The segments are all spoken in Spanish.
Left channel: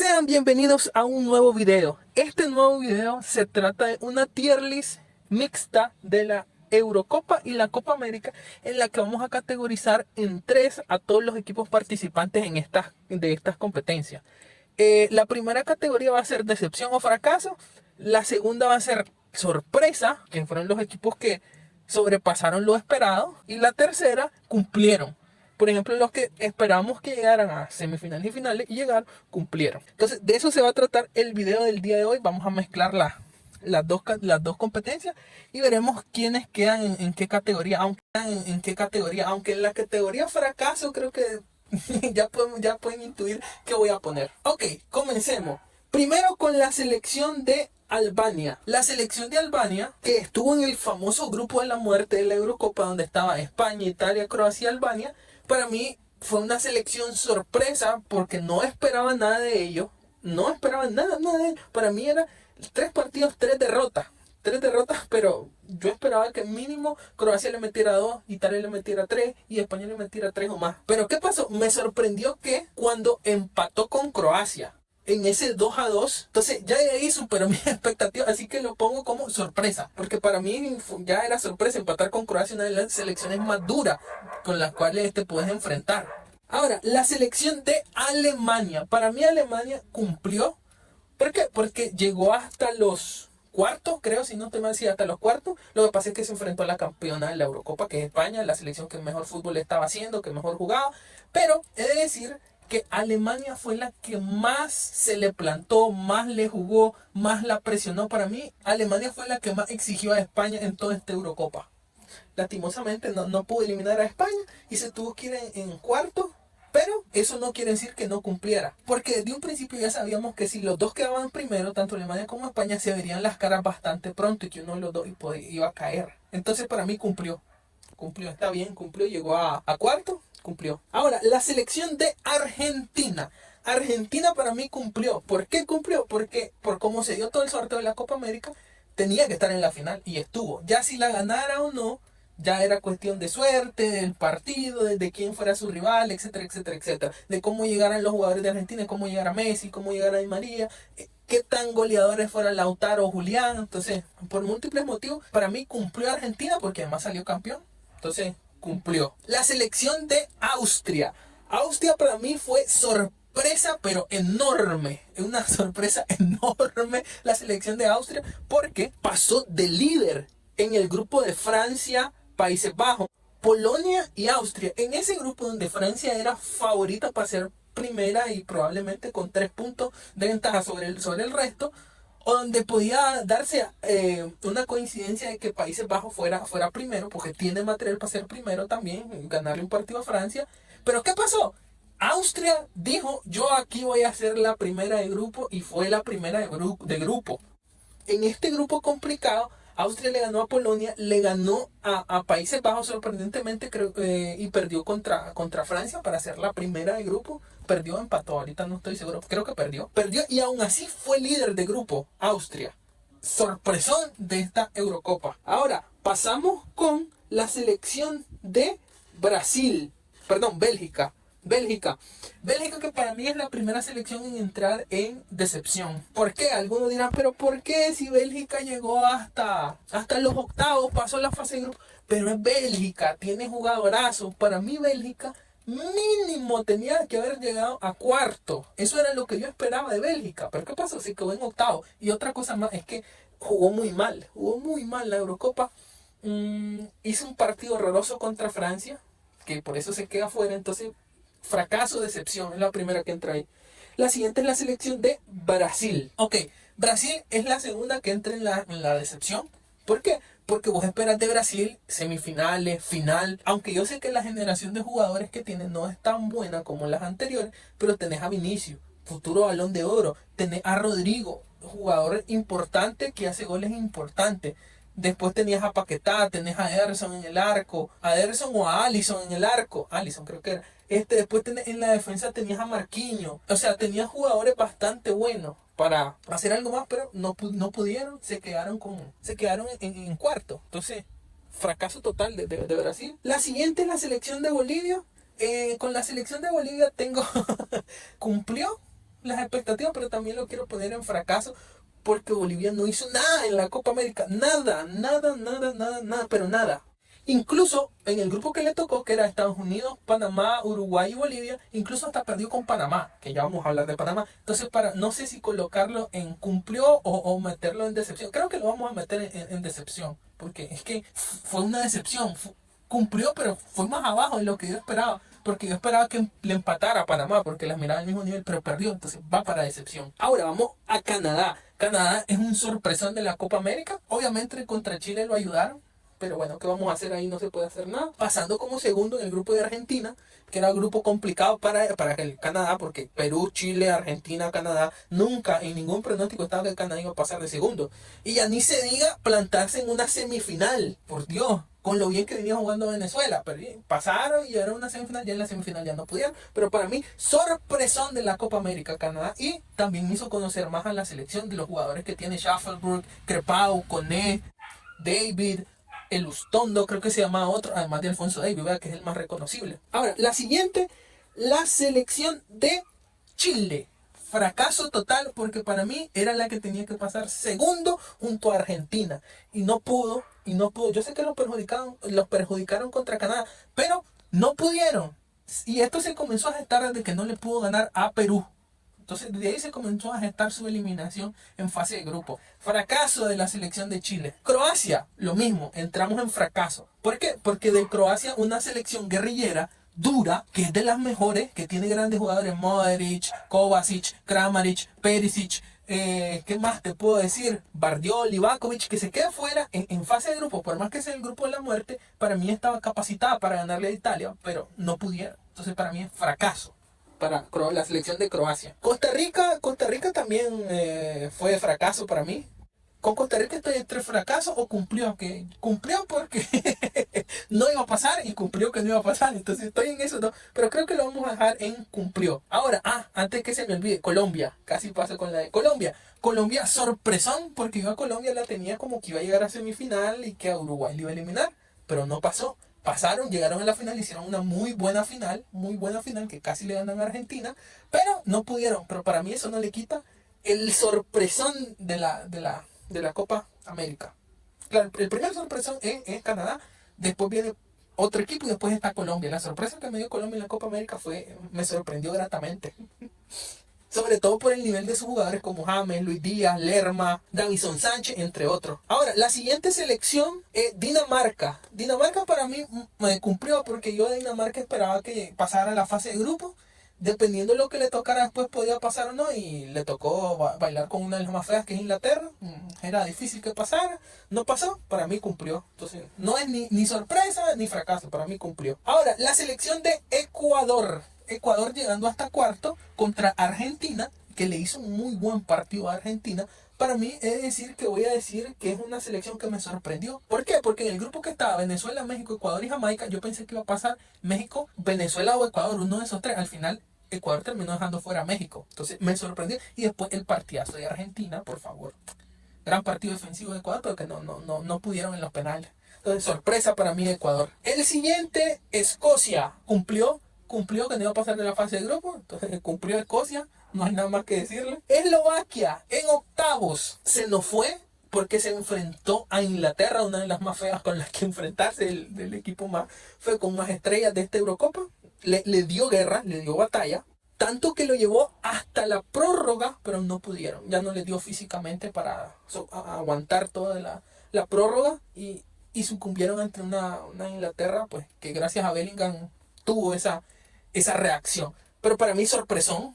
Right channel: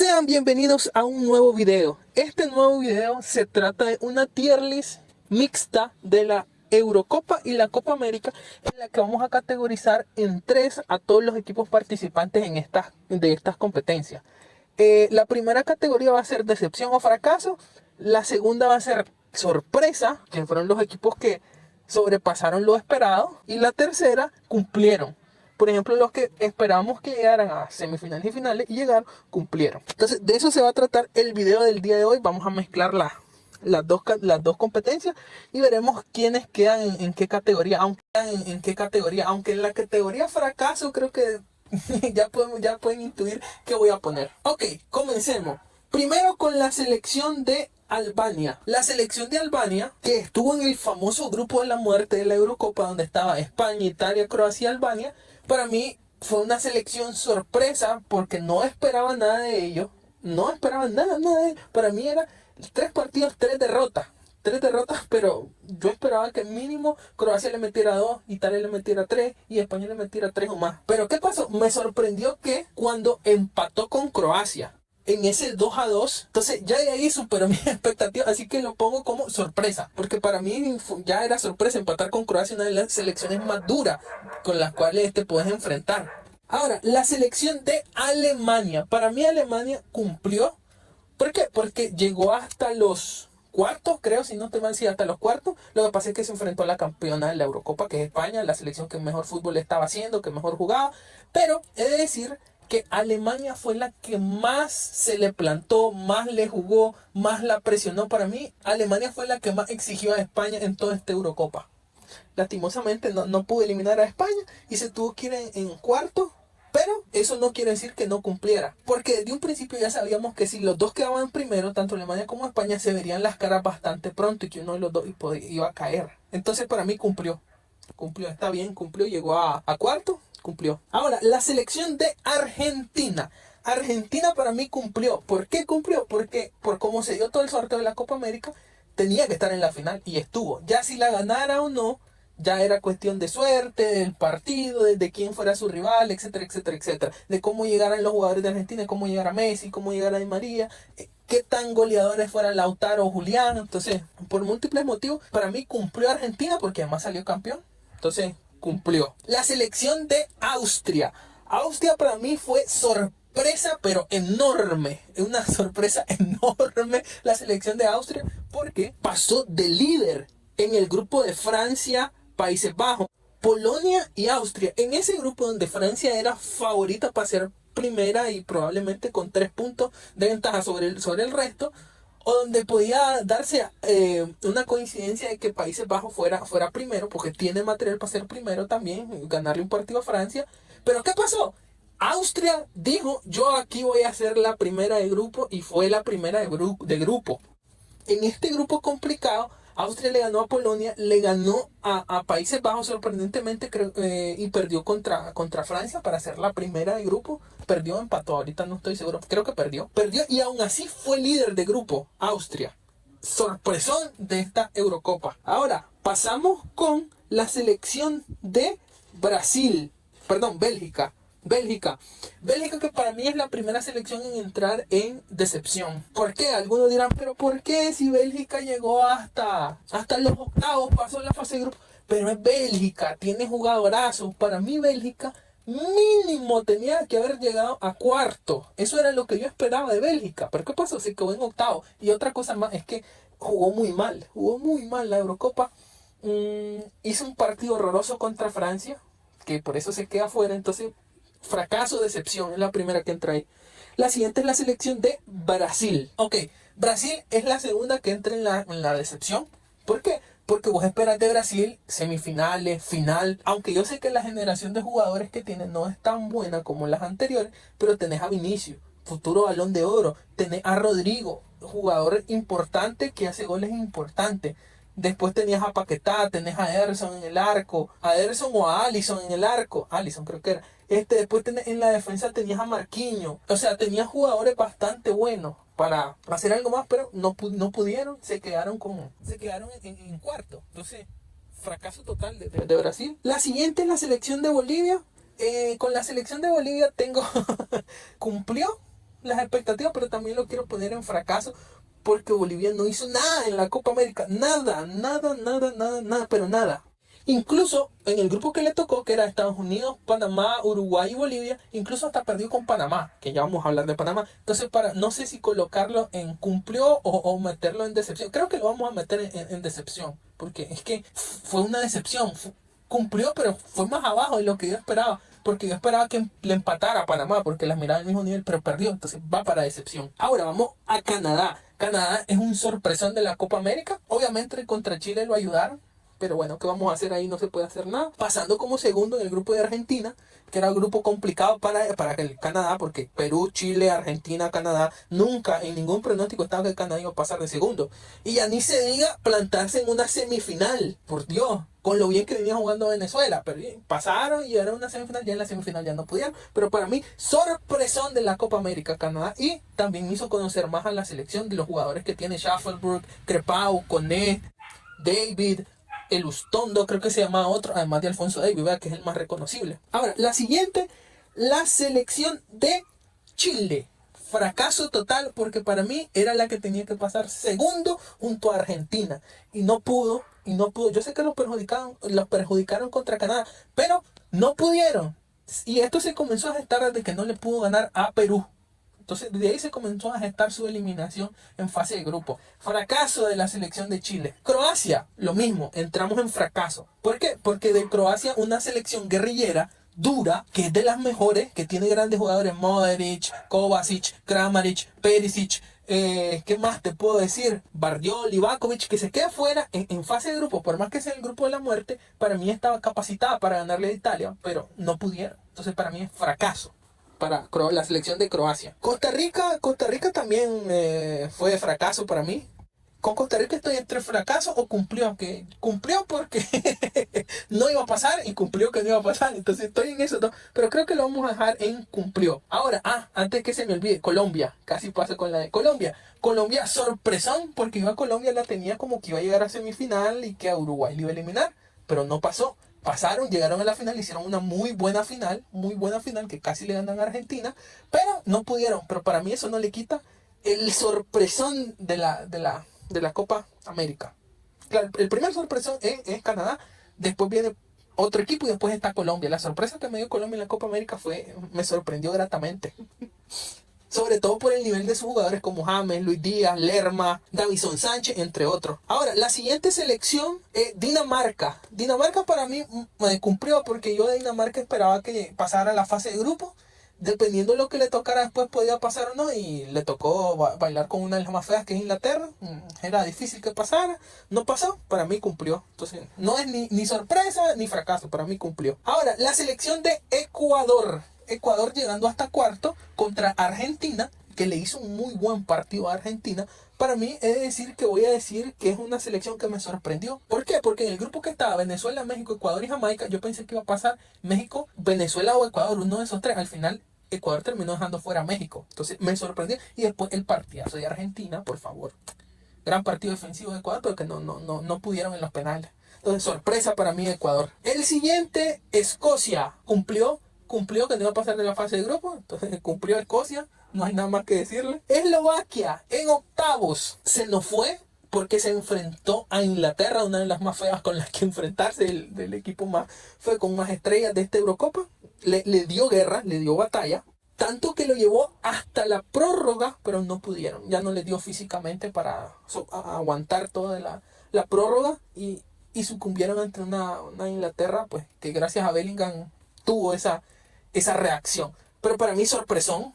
Sean bienvenidos a un nuevo video. Este nuevo video se trata de una tier list mixta de la Eurocopa y la Copa América, en la que vamos a categorizar en tres a todos los equipos participantes de estas competencias. La primera categoría va a ser decepción o fracaso. La segunda va a ser sorpresa, que fueron los equipos que sobrepasaron lo esperado. Y la tercera, cumplieron. Por ejemplo, los que esperábamos que llegaran a semifinales y finales y llegaron, cumplieron. Entonces, de eso se va a tratar el video del día de hoy. Vamos a mezclar las dos competencias y veremos quiénes quedan en qué categoría. Aunque en la categoría fracaso creo que ya pueden intuir qué voy a poner. Ok, comencemos. Primero con la selección de Albania. La selección de Albania, que estuvo en el famoso grupo de la muerte de la Eurocopa, donde estaba España, Italia, Croacia y Albania, para mí fue una selección sorpresa porque no esperaba nada de ellos. No esperaba nada de ellos. Para mí era 3 partidos, 3 derrotas. 3 derrotas, pero yo esperaba que mínimo Croacia le metiera 2, Italia le metiera 3 y España le metiera 3 o más. Pero ¿qué pasó? Me sorprendió que cuando empató con Croacia en ese 2-2, entonces ya de ahí superó mi expectativa, así que lo pongo como sorpresa, porque para mí ya era sorpresa empatar con Croacia, una de las selecciones más duras con las cuales te puedes enfrentar. Ahora, la selección de Alemania. Para mí Alemania cumplió. ¿Por qué? Porque llegó hasta los cuartos, creo, si no te mal, hasta los cuartos. Lo que pasa es que se enfrentó a la campeona de la Eurocopa, que es España, la selección que mejor fútbol estaba haciendo, que mejor jugaba. Pero he de decir que Alemania fue la que más se le plantó, más le jugó, más la presionó. Para mí, Alemania fue la que más exigió a España en toda esta Eurocopa. Lastimosamente no pudo eliminar a España y se tuvo que ir en cuarto. Pero eso no quiere decir que no cumpliera, porque desde un principio ya sabíamos que si los dos quedaban primero, tanto Alemania como España, se verían las caras bastante pronto y que uno de los dos iba a caer. Entonces para mí cumplió, está bien, cumplió, llegó a cuarto, cumplió. Ahora, la selección de Argentina. Argentina para mí cumplió. ¿Por qué cumplió? Porque por cómo se dio todo el sorteo de la Copa América, tenía que estar en la final y estuvo. Ya si la ganara o no, ya era cuestión de suerte, del partido, de quién fuera su rival, etcétera, etcétera, etcétera. De cómo llegaran los jugadores de Argentina, cómo llegara Messi, cómo llegara Di María, qué tan goleadores fueran Lautaro o Julián. Entonces, por múltiples motivos, para mí cumplió Argentina porque además salió campeón. Entonces, cumplió. La selección de Austria. Austria para mí fue sorpresa, pero enorme. Una sorpresa enorme la selección de Austria porque pasó de líder en el grupo de Francia, Países Bajos, Polonia y Austria. En ese grupo donde Francia era favorita para ser primera y probablemente con 3 puntos de ventaja sobre el resto, o donde podía darse una coincidencia de que Países Bajos fuera primero, porque tiene material para ser primero también, ganarle un partido a Francia. Pero ¿qué pasó? Austria dijo, yo aquí voy a ser la primera de grupo, y fue la primera de grupo. En este grupo complicado, Austria le ganó a Polonia, le ganó a Países Bajos sorprendentemente, creo, y perdió contra Francia para ser la primera de grupo. Perdió, empató, ahorita no estoy seguro, creo que perdió. Perdió y aún así fue líder de grupo, Austria. Sorpresón de esta Eurocopa. Ahora, pasamos con la selección de Bélgica. Bélgica, que para mí es la primera selección en entrar en decepción. ¿Por qué? Algunos dirán, pero ¿por qué si Bélgica llegó hasta los octavos, pasó la fase de grupo? Pero es Bélgica, tiene jugadorazos. Para mí Bélgica mínimo tenía que haber llegado a cuarto. Eso era lo que yo esperaba de Bélgica. ¿Pero qué pasó? Se quedó en octavo. Y otra cosa más es que jugó muy mal la Eurocopa. Hizo un partido horroroso contra Francia, que por eso se queda fuera. Entonces, fracaso, decepción, es la primera que entra ahí. La siguiente es la selección de Brasil. Ok, Brasil es la segunda que entra en la decepción. ¿Por qué? Porque vos esperas de Brasil semifinales, final. Aunque yo sé que la generación de jugadores que tienen no es tan buena como las anteriores, pero tenés a Vinicius, futuro Balón de Oro. Tenés a Rodrigo, jugador importante que hace goles importantes. Después tenías a Paquetá, tenés a Ederson en el arco, a Ederson o a Alisson en el arco, Alisson creo que era. Después en la defensa tenías a Marquinhos. O sea, tenías jugadores bastante buenos para hacer algo más, pero no pudieron, se quedaron en cuarto. Entonces, fracaso total de Brasil. La siguiente es la selección de Bolivia. Con la selección de Bolivia cumplió, las expectativas, pero también lo quiero poner en fracaso porque Bolivia no hizo nada en la Copa América. Nada, nada, nada, nada, nada, pero nada. Incluso en el grupo que le tocó, que era Estados Unidos, Panamá, Uruguay y Bolivia, incluso hasta perdió con Panamá, que ya vamos a hablar de Panamá. Entonces, no sé si colocarlo en cumplió o meterlo en decepción. Creo que lo vamos a meter en decepción, porque es que fue una decepción. Cumplió, pero fue más abajo de lo que yo esperaba. Porque yo esperaba que le empatara a Panamá, porque las miraba al mismo nivel, pero perdió. Entonces va para decepción. Ahora vamos a Canadá. Canadá es un sorpresón de la Copa América. Obviamente contra Chile lo ayudaron. Pero bueno, ¿qué vamos a hacer ahí? No se puede hacer nada. Pasando como segundo en el grupo de Argentina, que era un grupo complicado para el Canadá, porque Perú, Chile, Argentina, Canadá, nunca en ningún pronóstico estaba que el Canadá iba a pasar de segundo. Y ya ni se diga plantarse en una semifinal, por Dios, con lo bien que venía jugando Venezuela. Pero pasaron y era una semifinal, ya en la semifinal ya no pudieron. Pero para mí, sorpresón de la Copa América Canadá. Y también me hizo conocer más a la selección de los jugadores que tiene Shufflebrook, Crepau, Coné, David, el Ustondo, creo que se llama otro, además de Alfonso Davis, ¿verdad? Que es el más reconocible. Ahora, la siguiente, la selección de Chile. Fracaso total, porque para mí era la que tenía que pasar segundo junto a Argentina. Y no pudo, y no pudo. Yo sé que los perjudicaron contra Canadá, pero no pudieron. Y esto se comenzó a gestar desde que no le pudo ganar a Perú. Entonces, desde ahí se comenzó a gestar su eliminación en fase de grupo. Fracaso de la selección de Chile. Croacia, lo mismo, entramos en fracaso. ¿Por qué? Porque de Croacia, una selección guerrillera, dura, que es de las mejores, que tiene grandes jugadores, Modric, Kovacic, Kramaric, Perisic, ¿qué más te puedo decir? Bardiol, Livakovic, que se queda fuera en fase de grupo, por más que sea el grupo de la muerte, para mí estaba capacitada para ganarle a Italia, pero no pudieron. Entonces, para mí es fracaso para la selección de Croacia. Costa Rica también fue de fracaso para mí. Con Costa Rica estoy entre fracaso o cumplió. Que cumplió porque no iba a pasar y cumplió que no iba a pasar. Entonces estoy en eso, ¿no? Pero creo que lo vamos a dejar en cumplió. Ahora, antes que se me olvide, Colombia. Casi paso con la de Colombia. Colombia, sorpresón, porque yo a Colombia la tenía como que iba a llegar a semifinal y que a Uruguay le iba a eliminar. Pero no pasó. Pasaron, llegaron a la final, hicieron una muy buena final, que casi le ganan a Argentina, pero no pudieron. Pero para mí eso no le quita el sorpresón de la Copa América. Claro, el primer sorpresón es Canadá, después viene otro equipo y después está Colombia. La sorpresa que me dio Colombia en la Copa América me sorprendió gratamente. Sobre todo por el nivel de sus jugadores como James, Luis Díaz, Lerma, Davison Sánchez, entre otros. Ahora, la siguiente selección es Dinamarca. Dinamarca para mí me cumplió porque yo de Dinamarca esperaba que pasara la fase de grupo. Dependiendo de lo que le tocara después podía pasar o no. Y le tocó bailar con una de las más feas que es Inglaterra. Era difícil que pasara. No pasó, para mí cumplió. Entonces, no es ni sorpresa ni fracaso, para mí cumplió. Ahora, la selección de Ecuador. Ecuador llegando hasta cuarto contra Argentina, que le hizo un muy buen partido a Argentina. Para mí voy a decir que es una selección que me sorprendió. ¿Por qué? Porque en el grupo que estaba Venezuela, México, Ecuador y Jamaica, yo pensé que iba a pasar México, Venezuela o Ecuador, uno de esos tres. Al final Ecuador terminó dejando fuera a México. Entonces me sorprendió. Y después el partidazo de Argentina, por favor. Gran partido defensivo de Ecuador, pero que no pudieron en los penales. Entonces sorpresa para mí Ecuador. El siguiente, Escocia. Cumplió que no iba a pasar de la fase de grupo, entonces cumplió Escocia, no hay nada más que decirle. Eslovaquia, en octavos, se nos fue porque se enfrentó a Inglaterra, una de las más feas con las que enfrentarse, del equipo más fue con más estrellas de esta Eurocopa. Le dio guerra, le dio batalla, tanto que lo llevó hasta la prórroga, pero no pudieron, ya no le dio físicamente para aguantar toda la prórroga y sucumbieron ante una Inglaterra, pues que gracias a Bellingham tuvo esa reacción. Pero para mí sorpresón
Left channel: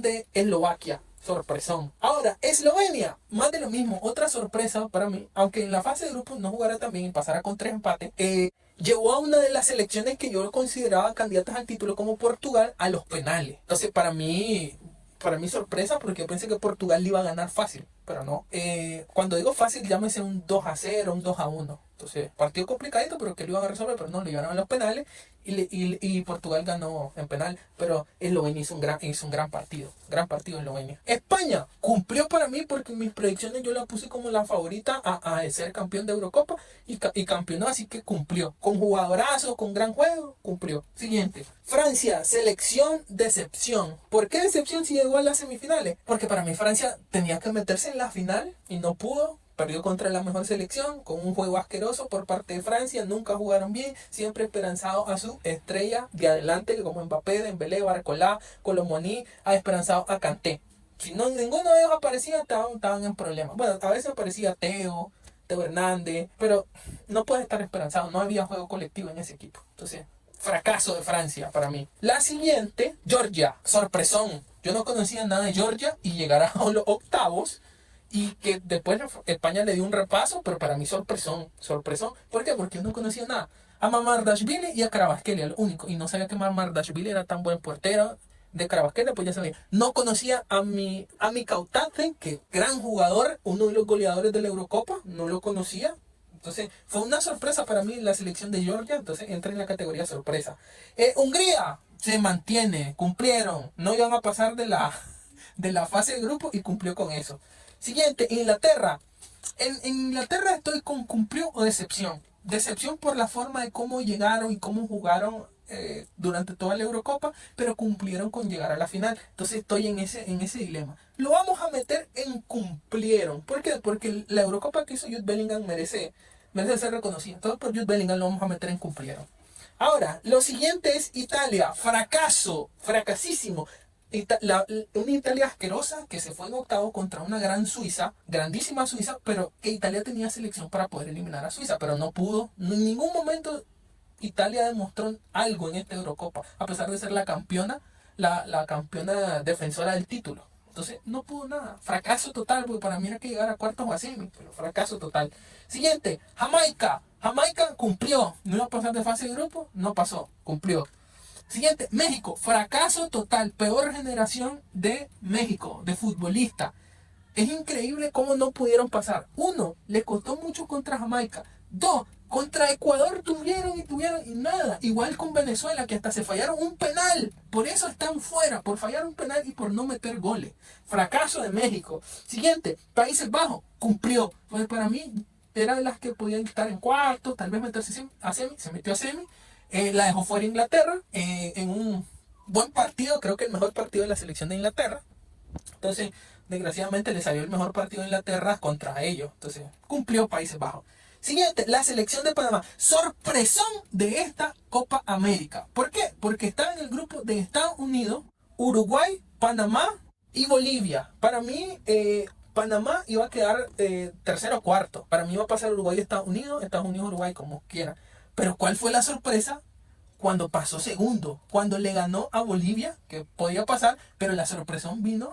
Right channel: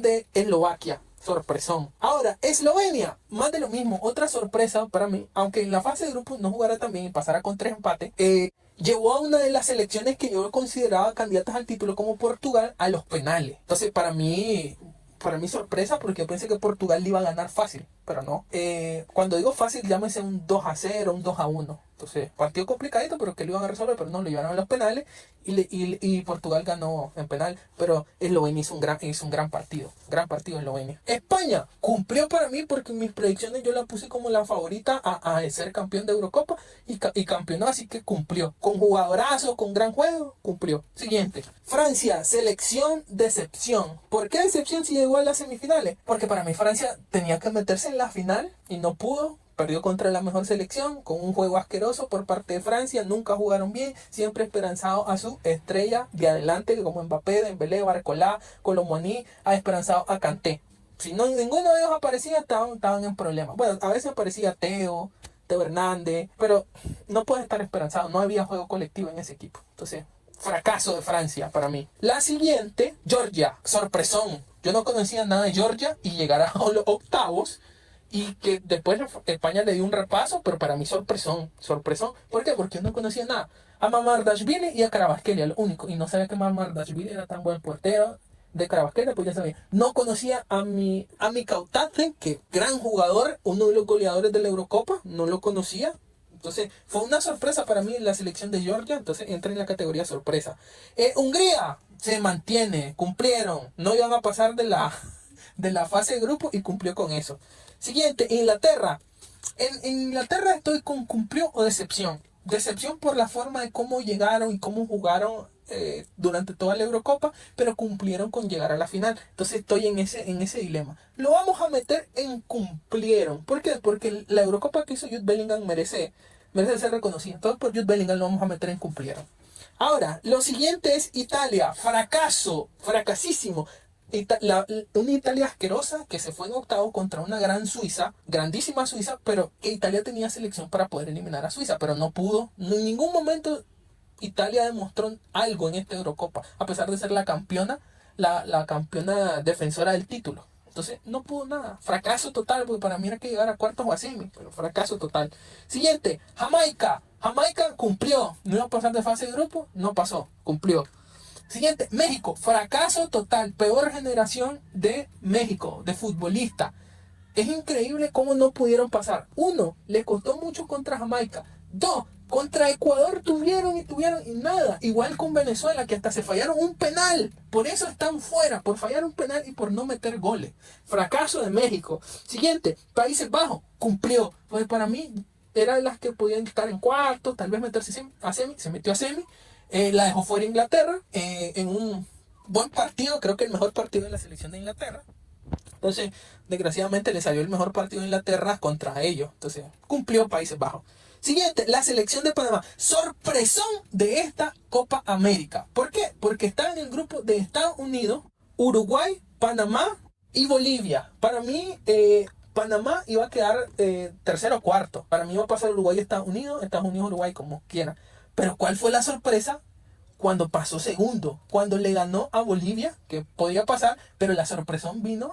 de Eslovaquia, sorpresón. Ahora, Eslovenia, más de lo mismo, otra sorpresa para mí, aunque en la fase de grupos no jugara tan bien y pasara con 3 empates, llevó a una de las selecciones que yo consideraba candidatas al título como Portugal a los penales. Entonces para mí sorpresa porque pensé que Portugal le iba a ganar fácil. pero no. Cuando digo fácil, llámese un 2-0, un 2-1. Entonces, partido complicadito, pero que lo iban a resolver, pero no, lo llevaron a los penales y Portugal ganó en penal. Pero Eslovenia hizo un gran partido Eslovenia. España cumplió para mí porque en mis predicciones yo la puse como la favorita a ser campeón de Eurocopa y campeonó, así que cumplió. Con jugadorazo, con gran juego, cumplió. Siguiente. Francia, selección decepción. ¿Por qué decepción si llegó a las semifinales? Porque para mí Francia tenía que meterse en la final y no pudo. Perdió contra la mejor selección, con un juego asqueroso por parte de Francia. Nunca jugaron bien, siempre esperanzado a su estrella de adelante, como Mbappé, Dembélé, Barcola, Colomboani, ha esperanzado a Kanté. Si no, ninguno de ellos aparecía, estaban en problemas. Bueno, a veces aparecía Teo Hernández, pero no puede estar esperanzado. No había juego colectivo en ese equipo. Entonces, fracaso de Francia para mí. La siguiente, Georgia, sorpresón. Yo no conocía nada de Georgia y llegar a los octavos. Y que después España le dio un repaso, pero para mí sorpresón. ¿Por qué? Porque yo no conocía nada. A Mamardashvili y a Kvaratskhelia, lo único. Y no sabía que Mamardashvili era tan buen portero. De Kvaratskhelia, pues ya sabía. No conocía a mi Kautate, que gran jugador, uno de los goleadores de la Eurocopa. No lo conocía. Entonces, fue una sorpresa para mí la selección de Georgia. Entonces, entra en la categoría sorpresa. Hungría se mantiene, cumplieron. No iban a pasar de la fase de grupo y cumplió con eso. Siguiente, Inglaterra. En Inglaterra estoy con cumplió o decepción. Decepción por la forma de cómo llegaron y cómo jugaron durante toda la Eurocopa, pero cumplieron con llegar a la final. Entonces estoy en ese dilema. Lo vamos a meter en cumplieron. ¿Por qué? Porque la Eurocopa que hizo Jude Bellingham merece ser reconocida. Entonces por Jude Bellingham lo vamos a meter en cumplieron. Ahora, lo siguiente es Italia. Fracaso. Fracasísimo. Una Italia asquerosa que se fue en octavo contra una gran Suiza, grandísima Suiza, pero que Italia tenía selección para poder eliminar a Suiza, pero no pudo. En ningún momento Italia demostró algo en esta Eurocopa, a pesar de ser la campeona, la campeona defensora del título. Entonces no pudo nada. Fracaso total, porque para mí era que llegar a cuartos o a semi, pero fracaso total. Siguiente, Jamaica. Jamaica cumplió. No iba a pasar de fase de grupo, no pasó, cumplió. Siguiente, México, fracaso total, peor generación de México, de futbolista. Es increíble cómo no pudieron pasar. Uno, les costó mucho contra Jamaica. Dos, contra Ecuador tuvieron y nada. Igual con Venezuela, que hasta se fallaron un penal. Por eso están fuera, por fallar un penal y por no meter goles. Fracaso de México. Siguiente, Países Bajos, cumplió. Pues para mí era de las que podían estar en cuarto, tal vez meterse a semi, se metió a semi. La dejó fuera Inglaterra en un buen partido, creo que el mejor partido de la selección de Inglaterra. Entonces, desgraciadamente le salió el mejor partido de Inglaterra contra ellos. Entonces, cumplió Países Bajos. Siguiente, la selección de Panamá. Sorpresón de esta Copa América. ¿Por qué? Porque está en el grupo de Estados Unidos, Uruguay, Panamá y Bolivia. Para mí, Panamá iba a quedar tercero o cuarto. Para mí iba a pasar Uruguay y Estados Unidos, Uruguay, como quiera. Pero ¿cuál fue la sorpresa? Cuando pasó segundo, cuando le ganó a Bolivia, que podía pasar, pero el sorpresón vino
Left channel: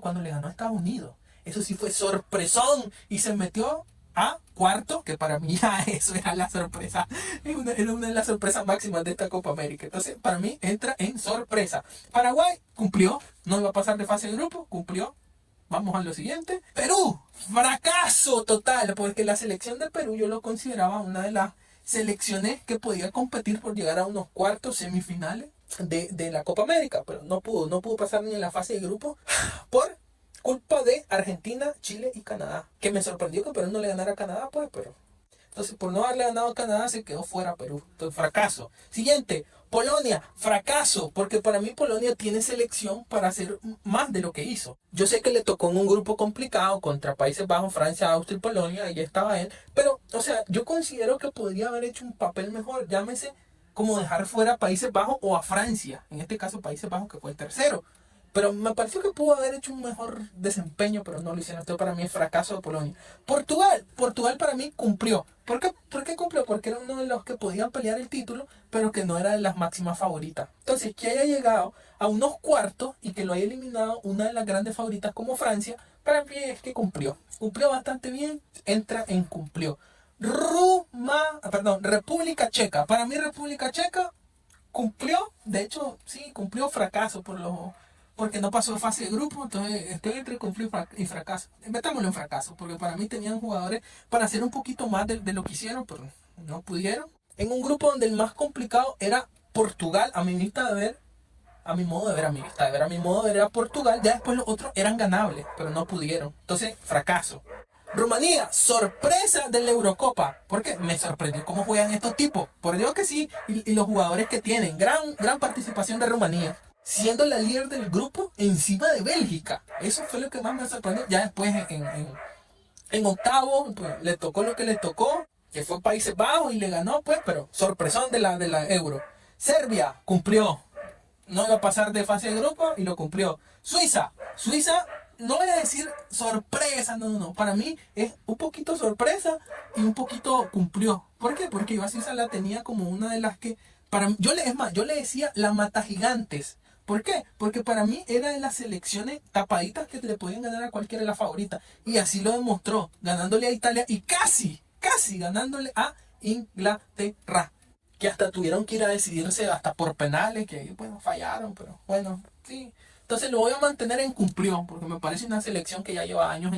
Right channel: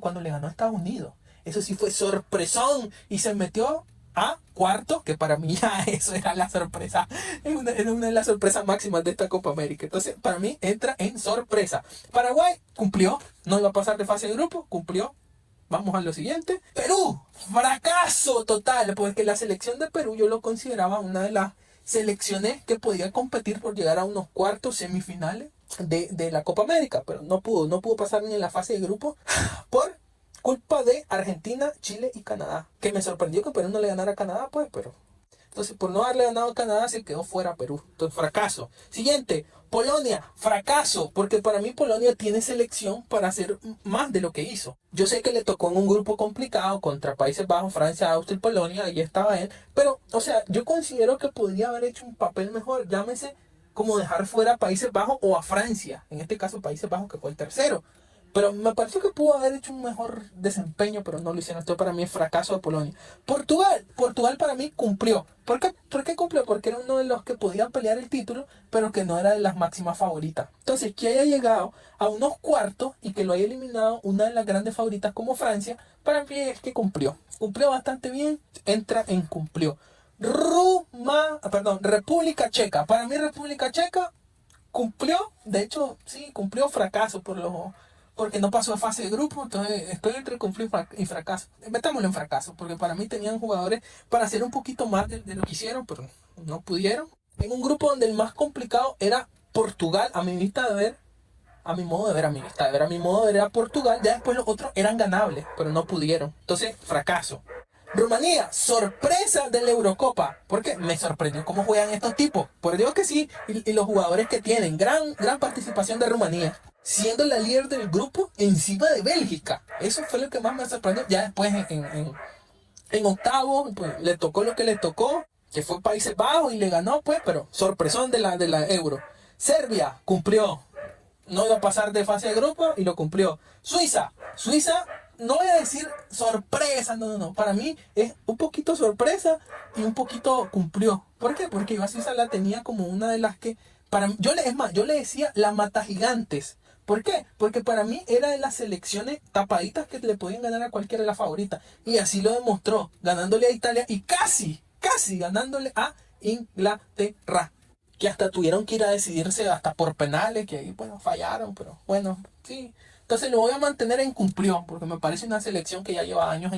cuando le ganó a Estados Unidos. Eso sí fue sorpresón y se metió a cuarto, que para mí ya eso era la sorpresa, era una de las sorpresas máximas de esta Copa América. Entonces, para mí entra en sorpresa. Paraguay cumplió, no iba a pasar de fase de grupo, cumplió. Vamos a lo siguiente. Perú, fracaso total, porque la selección de Perú yo lo consideraba una de las selecciones que podía competir por llegar a unos cuartos semifinales de la Copa América, pero no pudo pasar ni en la fase de grupo por culpa de Argentina, Chile y Canadá, que me sorprendió que Perú no le ganara a Canadá, pues, pero entonces por no haberle ganado a Canadá se quedó fuera Perú. Entonces, fracaso. Siguiente, Polonia, fracaso, porque para mí Polonia tiene selección para hacer más de lo que hizo. Yo sé que le tocó en un grupo complicado contra Países Bajos, Francia, Austria y Polonia, ahí estaba él, pero, o sea, yo considero que podría haber hecho un papel mejor, llámese como dejar fuera a Países Bajos o a Francia, en este caso Países Bajos que fue el tercero. Pero me pareció que pudo haber hecho un mejor desempeño, pero no lo hicieron. Esto para mí es fracaso de Polonia. Portugal para mí cumplió. ¿Por qué cumplió? Porque era uno de los que podían pelear el título, pero que no era de las máximas favoritas. Entonces, que haya llegado a unos cuartos y que lo haya eliminado una de las grandes favoritas como Francia, para mí es que cumplió. Cumplió bastante bien, entra en cumplió. República Checa. Para mí República Checa cumplió, de hecho, sí, cumplió fracaso porque no pasó de fase de grupo, entonces estoy entre cumplir y fracaso. Metámoslo en fracaso, porque para mí tenían jugadores para hacer un poquito más de lo que hicieron, pero no pudieron. En un grupo donde el más complicado era Portugal, a mi vista de ver, a mi modo de ver, a mi vista de ver, a mi modo de ver era Portugal, ya después los otros eran ganables, pero no pudieron. Entonces, fracaso. Rumanía, sorpresa de la Eurocopa, porque me sorprendió cómo juegan estos tipos, por Dios que sí, y los jugadores que tienen, gran participación de Rumanía, siendo la líder del grupo encima de Bélgica. Eso fue lo que más me sorprendió. Ya después en octavo, pues le tocó lo que le tocó, que fue Países Bajos y le ganó, pues, pero sorpresón de la Euro. Serbia cumplió, no iba a pasar de fase de grupo y lo cumplió. Suiza, no voy a decir sorpresa, no. Para mí es un poquito sorpresa y un poquito cumplió. ¿Por qué? Porque yo a Suiza la tenía como una de las que, para mí, yo le decía la mata gigantes. ¿Por qué? Porque para mí era de las selecciones tapaditas que le podían ganar a cualquiera de las favoritas. Y así lo demostró, ganándole a Italia y casi ganándole a Inglaterra. Que hasta tuvieron que ir a decidirse hasta por penales, que bueno, fallaron, pero bueno, sí. Entonces lo voy a mantener en cumplió, porque me parece una selección que ya lleva años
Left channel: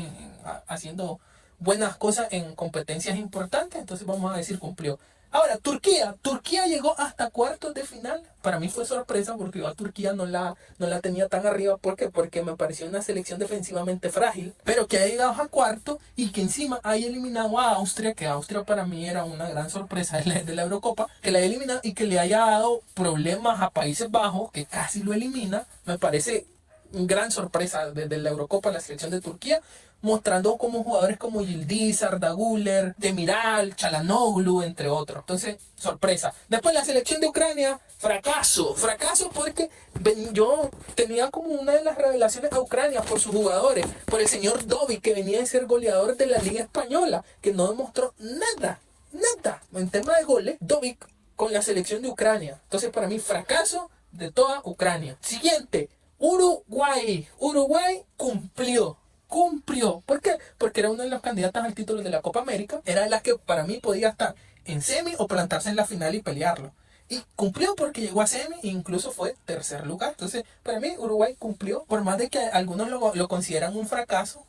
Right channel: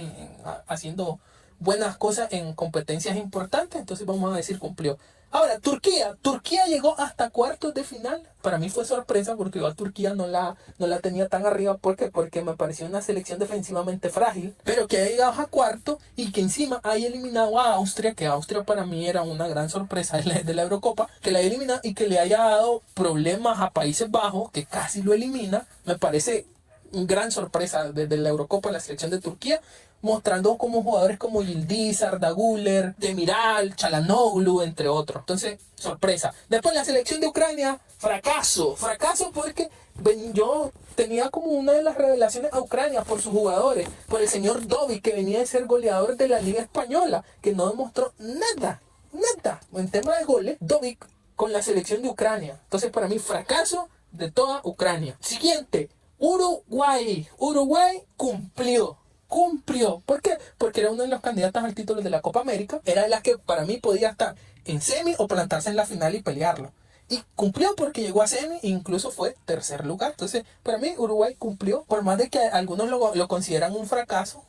haciendo buenas cosas en competencias importantes, entonces vamos a decir cumplió. Ahora, Turquía llegó hasta cuartos de final. Para mí fue sorpresa porque yo a Turquía no la tenía tan arriba. ¿Por qué? Porque me pareció una selección defensivamente frágil, pero que ha llegado a cuarto y que encima haya eliminado a Austria, que Austria para mí era una gran sorpresa de la Eurocopa, que la haya eliminado y que le haya dado problemas a Países Bajos, que casi lo elimina. Me parece una gran sorpresa desde la Eurocopa la selección de Turquía, mostrando como jugadores como Yildiz, Arda Güler, Demiral, Çalhanoğlu, entre otros. Entonces, sorpresa. Después la selección de Ucrania, fracaso porque yo tenía como una de las revelaciones a Ucrania por sus jugadores, por el señor Dovic, que venía de ser goleador de la Liga Española, que no demostró nada en tema de goles, Dovic con la selección de Ucrania. Entonces, para mí, fracaso de toda Ucrania. Siguiente, Uruguay cumplió. ¿Por qué? Porque era uno de los candidatos al título de la Copa América. Era la que para mí podía estar en semi o plantarse en la final y pelearlo. Y cumplió porque llegó a semi e incluso fue tercer lugar. Entonces, para mí Uruguay cumplió. Por más de que algunos lo consideran un fracaso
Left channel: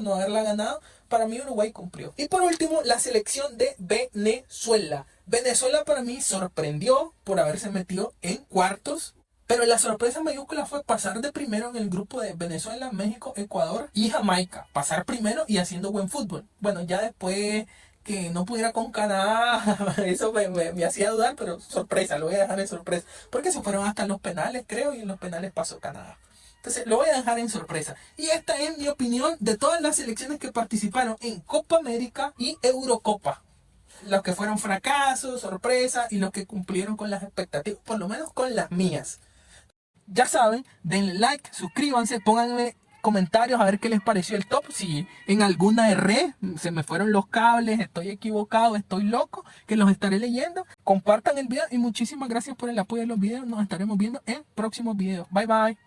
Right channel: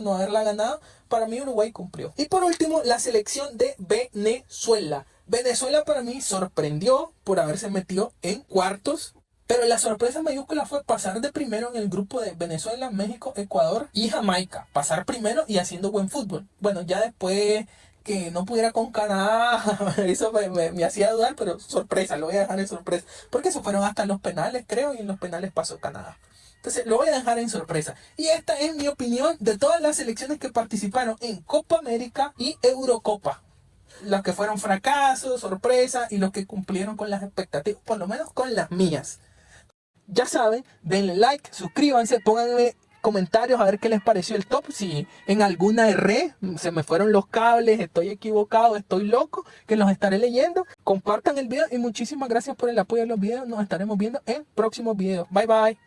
no haberla ganado, para mí Uruguay cumplió. Y por último, la selección de Venezuela. Venezuela para mí sorprendió por haberse metido en cuartos. Pero la sorpresa mayúscula fue pasar de primero en el grupo de Venezuela, México, Ecuador y Jamaica. Pasar primero y haciendo buen fútbol. Bueno, ya después que no pudiera con Canadá, eso me hacía dudar, pero sorpresa, lo voy a dejar en sorpresa. Porque se fueron hasta los penales, creo, y en los penales pasó Canadá. Entonces lo voy a dejar en sorpresa. Y esta es mi opinión de todas las selecciones que participaron en Copa América y Eurocopa. Los que fueron fracasos, sorpresa y los que cumplieron con las expectativas, por lo menos con las mías. Ya saben, denle like, suscríbanse, pónganle comentarios a ver qué les pareció el top. Si en alguna erré, se me fueron los cables, estoy equivocado, estoy loco, que los estaré leyendo. Compartan el video y muchísimas gracias por el apoyo de los videos. Nos estaremos viendo en próximos videos. Bye bye.